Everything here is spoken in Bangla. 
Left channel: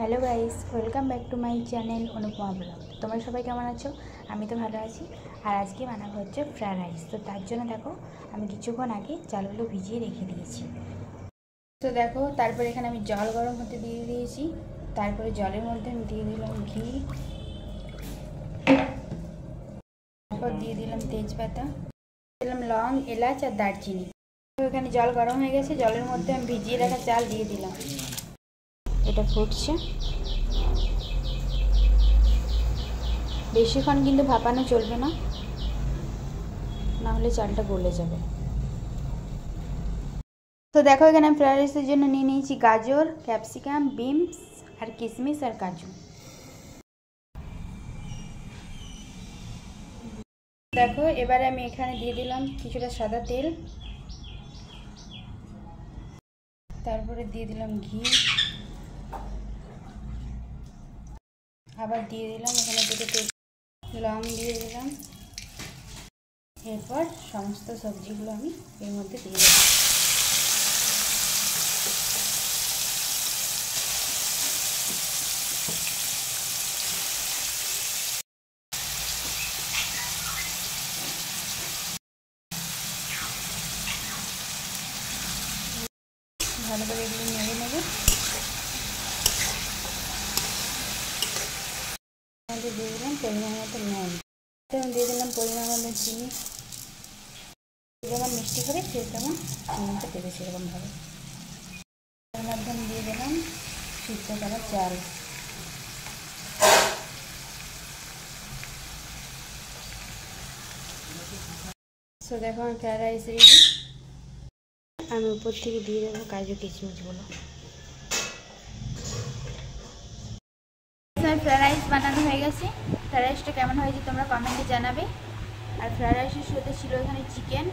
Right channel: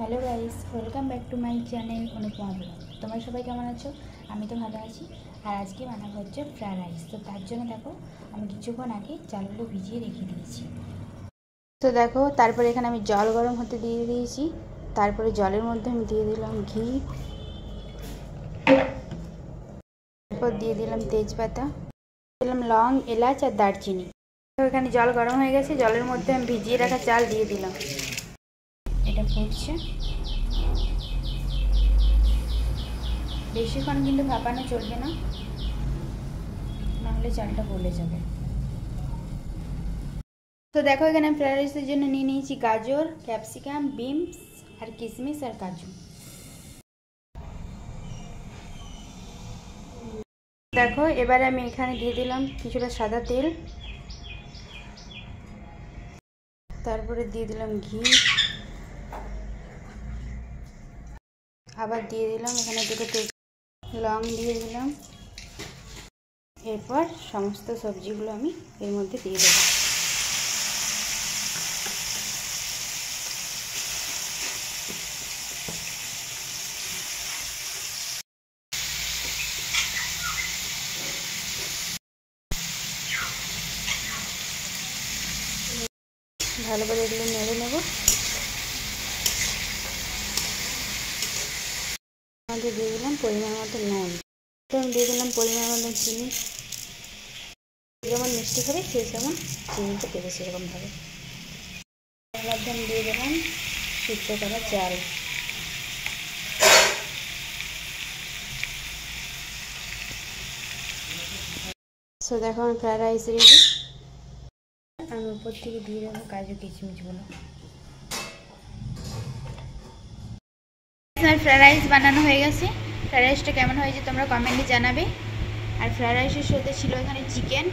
Hello guys, welcome back to my channel Anupama blog. তোমরা সবাই কেমন আছো? আমি তো ভালো আছি। আর আজকে বানাবো হচ্ছে ফ্রায়েড রাইস। তো তার জন্য দেখো আমি কিছুক্ষণ আগে চালগুলো ভিজিয়ে রেখে দিয়েছি। তো দেখো তারপরে এখানে আমি জল গরম হতে দিয়ে দিয়েছি। তারপরে জলের মধ্যে আমি দিয়ে দিলাম ঘি, তারপর দিয়ে দিলাম তেজপাতা, দিলাম লং, এলাচ আর দারচিনি। তো এখানে জল গরম হয়ে গেছে, জলের মধ্যে আমি ভিজিয়ে রাখা চাল দিয়ে দিলাম। এটা ফুটছে। বেশিক্ষণ কিন্তু ভাপানো চলবে না, নাহলে চালটা গলে যাবে। তো দেখো এখানে আমি ফ্রাইড রাইসের জন্য নিয়ে নিয়েছি গাজর, ক্যাপসিকাম, বিনস আর কিশমিশ আর কাজু। দেখো এবারে আমি এখানে দিয়ে দিলাম কিছুটা সাদা তেল, তারপরে দিয়ে দিলাম ঘি, আবার দিয়ে দিলাম এখানে দুটো তেজ, লং দিয়ে দিলাম। এরপর সমস্ত সবজিগুলো আমি এর মধ্যে দিয়ে দেবো। ভালো করে এগুলো নেড়ে নেব। দিয়ে দিলাম পরিমাণ মতো নুন, দিয়ে দিলাম পরিমাণ মতো চিনি। যেমন মিষ্টি করে সেই তেমন চিনিটা দেবে সেরকমভাবে। এর মধ্যে আমি দিয়ে দিলাম সিদ্ধ করা চাল। সো দেখো আমার ফ্রায়েড রাইস রেডি। আমি উপর থেকে দিয়ে দেবো কাজু কিশমিশগুলো। ফ্রায়েড রাইস বানানো হয়ে গেছে। ফ্রায়েড রাইসটা কেমন হয়েছে তোমরা কমেন্টে জানাবে। আর ফ্রায়েড রাইসের সাথে ছিল এখানে চিকেন,